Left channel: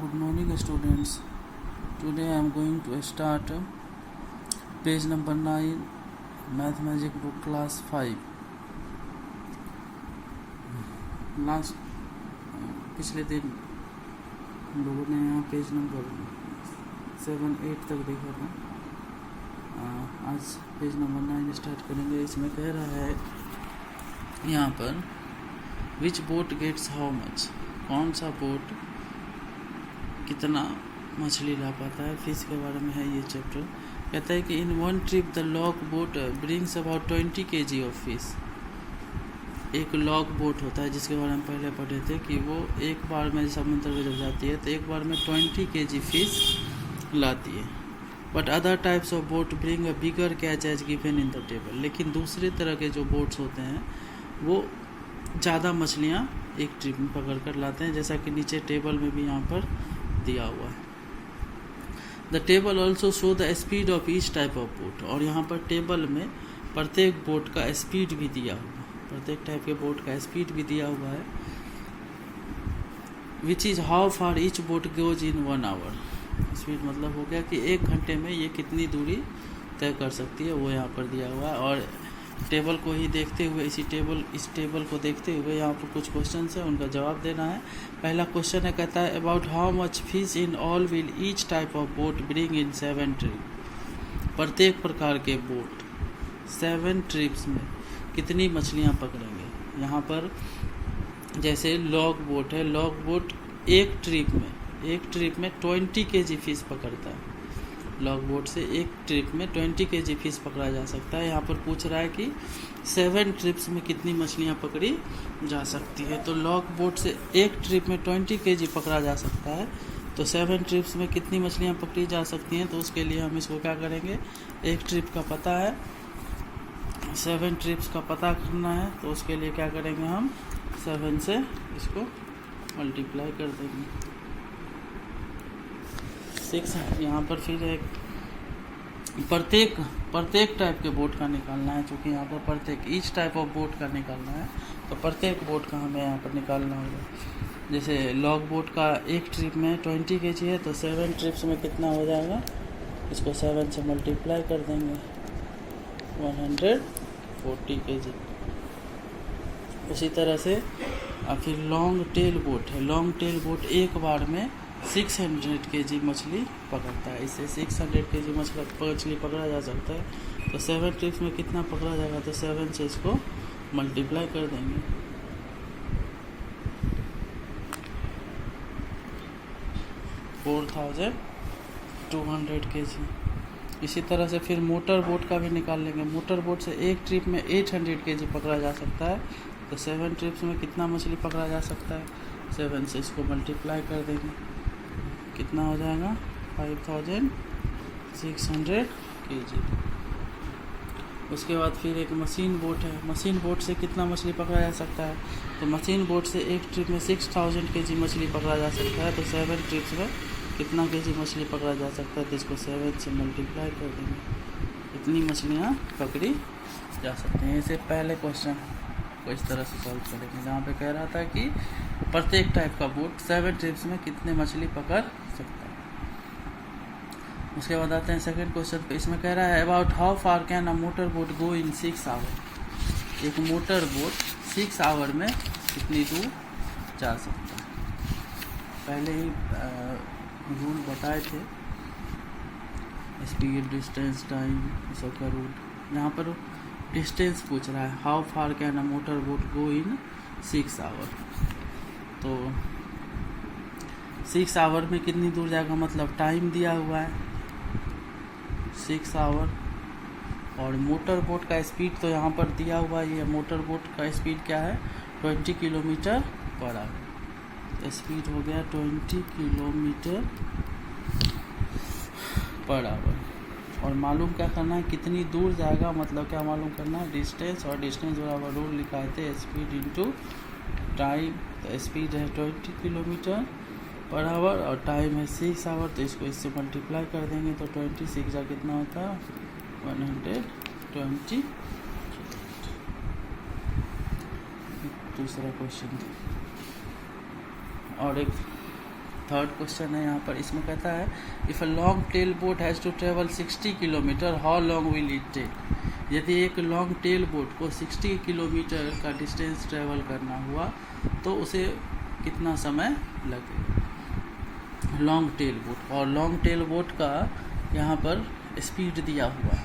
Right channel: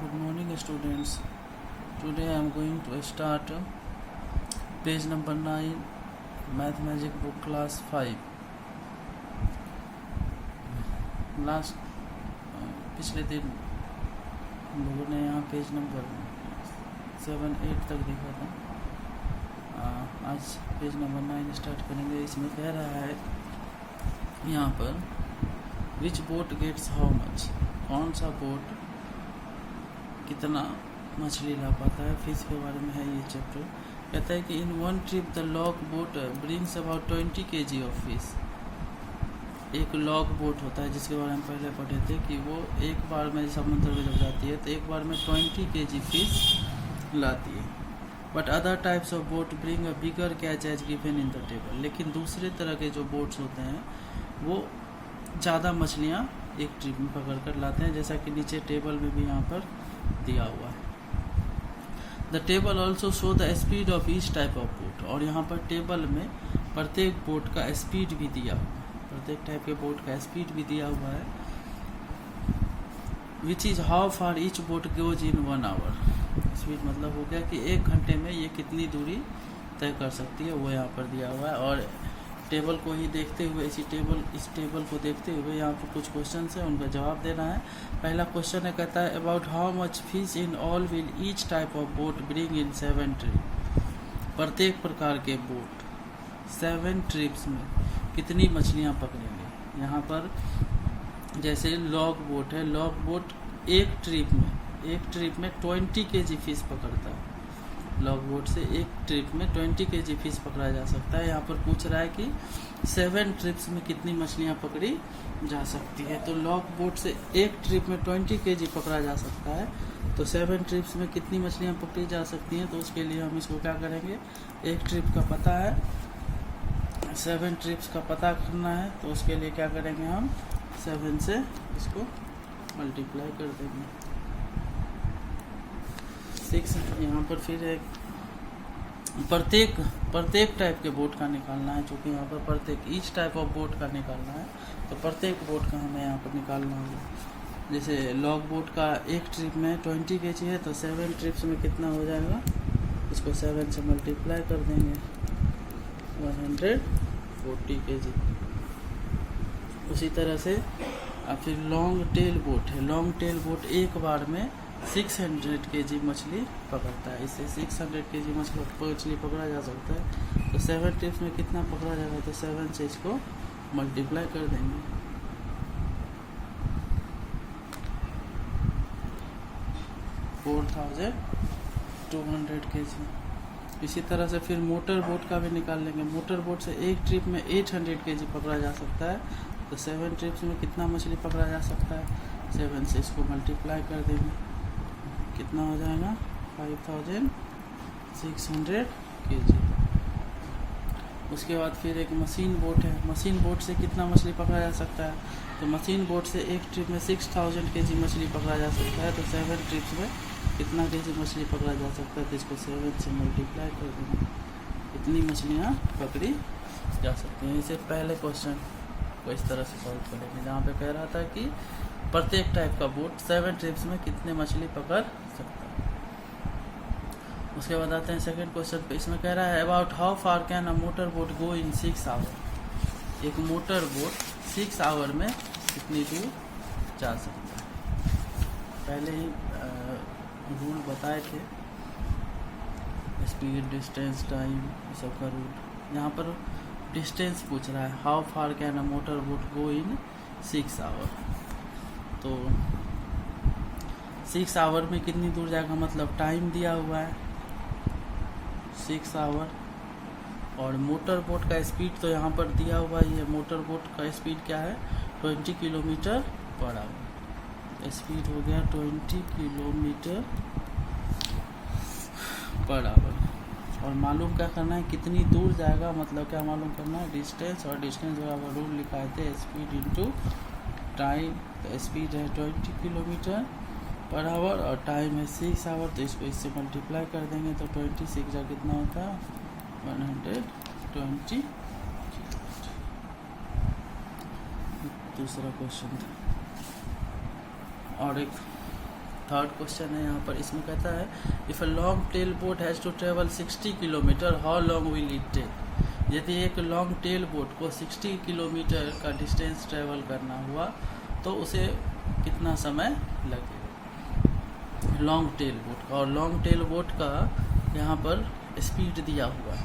Good morning, students. Today I am going to start page number 9, Math Magic book class 5. Last पिछले दिन हम लोगों ने यहाँ पेज नंबर 7-8 तक देखा था. आज पेज नंबर 9 स्टार्ट करेंगे. इसमें कह रहा है यहाँ पर विच बोट गेट्स हाउ मच, कौन सा बोट कितना मछली ला पाता है. फिश के बारे में है ये चैप्टर. कहता है कि in one trip the log boat brings about 20 kg of fish. एक लॉग बोट होता है जिसके बारे में पहले पढ़े थे कि वो एक बार में समुद्र में जब जाती है तो एक बार में 20 kg फिश लाती है. But other types of boat bring a bigger catch as given in the table. लेकिन दूसरे तरह के जो बोट्स होते हैं वो ज़्यादा मछलियाँ एक ट्रिप में पकड़ कर लाते हैं, जैसा कि नीचे टेबल में भी यहाँ पर दिया हुआ है. The table also show the speed of each type of boat. और यहाँ पर टेबल में प्रत्येक बोट का स्पीड भी दिया हुआ है, प्रत्येक टाइप के बोट का स्पीड भी दिया हुआ है. Which is how far each boat goes in 1 hour. Speed मतलब हो गया कि 1 घंटे में ये कितनी दूरी तय कर सकती है, वो यहाँ पर दिया हुआ है. और टेबल को ही देखते हुए इस टेबल को देखते हुए यहाँ पर कुछ क्वेश्चन है, उनका जवाब देना है. पहला क्वेश्चन है, कहता है about how much fish in all will each type of boat bring in 7 trip. प्रत्येक प्रकार के बोट 7 ट्रिप्स में कितनी मछलियाँ पकड़ेंगे. यहाँ पर जैसे लॉग बोट है, लॉग बोट एक ट्रिप में 20 kg फिश पकड़ता है. लॉग बोट से एक ट्रिप में 20 kg फिश पकड़ा जा सकता है. यहाँ पर पूछ रहा है कि 7 ट्रिप्स में कितनी मछलियाँ पकड़ी जा सकती है. तो लॉग बोट से एक ट्रिप में 20 kg पकड़ा जा सकता है, तो 7 ट्रिप्स में कितनी मछलियाँ पकड़ी जा सकती हैं. तो उसके लिए हम इसको क्या करेंगे, एक ट्रिप का पता है, 7 ट्रिप्स का पता करना है. तो उसके लिए क्या करेंगे, हम 7 से इसको मल्टीप्लाई कर देंगे. 6 यहाँ पर फिर एक प्रत्येक टाइप के बोट का निकालना है. चूँकि यहाँ पर प्रत्येक ईच टाइप ऑफ बोट का निकालना है, तो प्रत्येक बोट का हमें यहाँ पर निकालना होगा. जैसे लॉग बोट का एक ट्रिप में 20 kg है, तो 7 ट्रिप्स में कितना हो जाएगा, इसको 7 से मल्टीप्लाई कर देंगे, 140 kg. उसी तरह से फिर लॉन्ग टेल बोट है. लॉन्ग टेल बोट एक बार में 600 kg मछली पकड़ता है. इससे 600 kg मछली पकड़ा जा सकता है. तो 7 ट्रिप्स में कितना पकड़ा जाएगा, तो 7 से इसको मल्टीप्लाई कर देंगे. 4200 kg. इसी तरह से फिर मोटर बोट का भी निकाल लेंगे. मोटर बोट से एक ट्रिप में 800 kg पकड़ा जा सकता है. तो 7 ट्रिप्स में कितना मछली पकड़ा जा सकता है, 7 से इसको मल्टीप्लाई कर देंगे, कितना हो जाएगा, 5600 kg. उसके बाद फिर एक मशीन बोट है. मशीन बोट से कितना मछली पकड़ा जा सकता है, तो मशीन बोट से एक ट्रिप में 6000 kg मछली पकड़ा जा सकता है. तो 7 ट्रिप्स में कितना kg मछली पकड़ा जा सकता है, तो इसको 7 से मल्टीप्लाई कर देंगे, इतनी मछलियाँ पकड़ी जा सकती हैं. इसे पहले क्वेश्चन को इस तरह से सॉल्व करेंगे, जहाँ पे कह रहा था कि प्रत्येक टाइप का बोट 7 ट्रिप्स में कितने मछली पकड़ सकता है. उसके बाद आते हैं सेकंड क्वेश्चन पे. इसमें कह रहा है about how far can a motor boat go in 6 hours. एक मोटर बोट 6 hour में कितनी दूर जा सकता है. पहले ही रूल बताए थे, स्पीड, डिस्टेंस, टाइम, सबका रूल. यहाँ पर डिस्टेंस पूछ रहा है, how far can a motor boat go in 6 hours. तो 6 hour में कितनी दूर जाएगा, मतलब टाइम दिया हुआ है 6 hour. और मोटर बोट का स्पीड तो यहाँ पर दिया हुआ ही है. मोटर बोट का स्पीड क्या है, 20 km/h. स्पीड हो गया 20 km/h. और मालूम क्या करना है, कितनी दूर जाएगा, मतलब क्या मालूम करना है, डिस्टेंस. और डिस्टेंस बराबर रूल लिखा थे स्पीड इंटू टाइम. तो स्पीड है 20 km/h और टाइम है 6 hour. तो इसको इससे मल्टीप्लाई कर देंगे, तो 26 का कितना होता है, 120. दूसरा क्वेश्चन था. और एक थर्ड क्वेश्चन है यहाँ पर, इसमें कहता है if a long tail boat has to travel 60 kilometre how long will it take. यदि एक लॉन्ग टेल बोट को 60 किलोमीटर का डिस्टेंस ट्रेवल करना हुआ तो उसे कितना समय लगेगा, लॉन्ग टेल बोट। और लॉन्ग टेल बोट का यहाँ पर स्पीड दिया हुआ है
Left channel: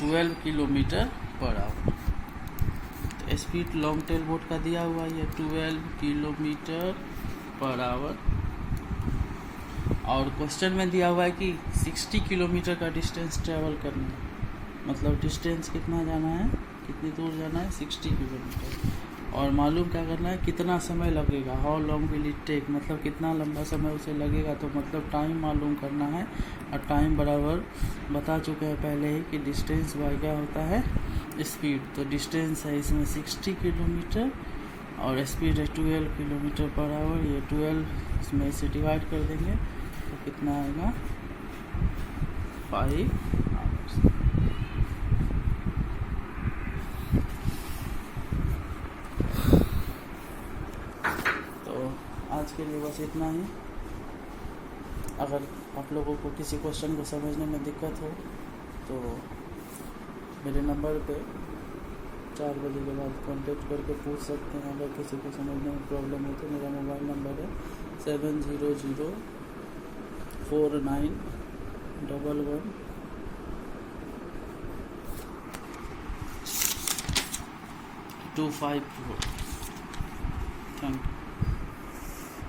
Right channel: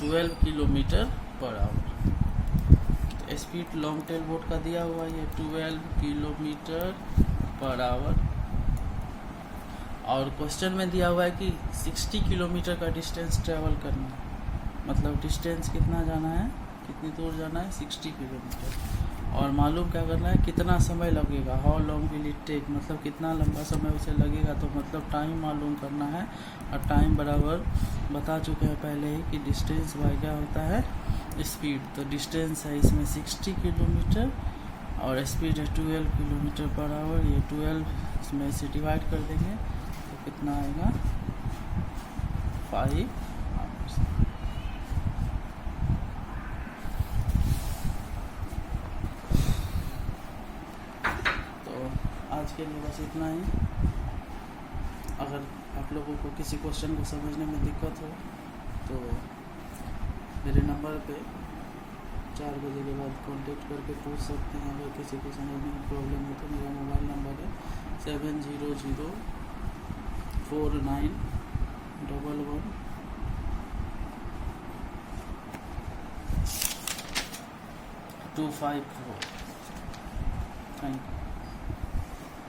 12 किलोमीटर पर आवर। तो स्पीड लॉन्ग टेल बोट का दिया हुआ है 12 किलोमीटर पर आवर। और क्वेश्चन में दिया हुआ है कि 60 किलोमीटर का डिस्टेंस ट्रेवल करना है, मतलब डिस्टेंस कितना जाना है, कितनी दूर जाना है, 60 किलोमीटर। और मालूम क्या करना है, कितना समय लगेगा, how long will it take, मतलब कितना लंबा समय उसे लगेगा। तो मतलब टाइम मालूम करना है, और टाइम बराबर बता चुके हैं पहले ही कि डिस्टेंस बाय क्या होता है, स्पीड। तो डिस्टेंस है इसमें 60 किलोमीटर और स्पीड है 12 किलोमीटर पर आवर। ये 12 इसमें से डिवाइड कर देंगे तो कितना आएगा, 5 आवर्स। तो आज के लिए बस इतना ही। अगर आप लोगों को किसी क्वेश्चन को समझने में दिक्कत हो तो मेरे नंबर पे 4 बजे के बाद कांटेक्ट करके पूछ सकते हैं। अगर किसी को समझने में प्रॉब्लम है तो मेरा मोबाइल नंबर है 7004911254। Thank you.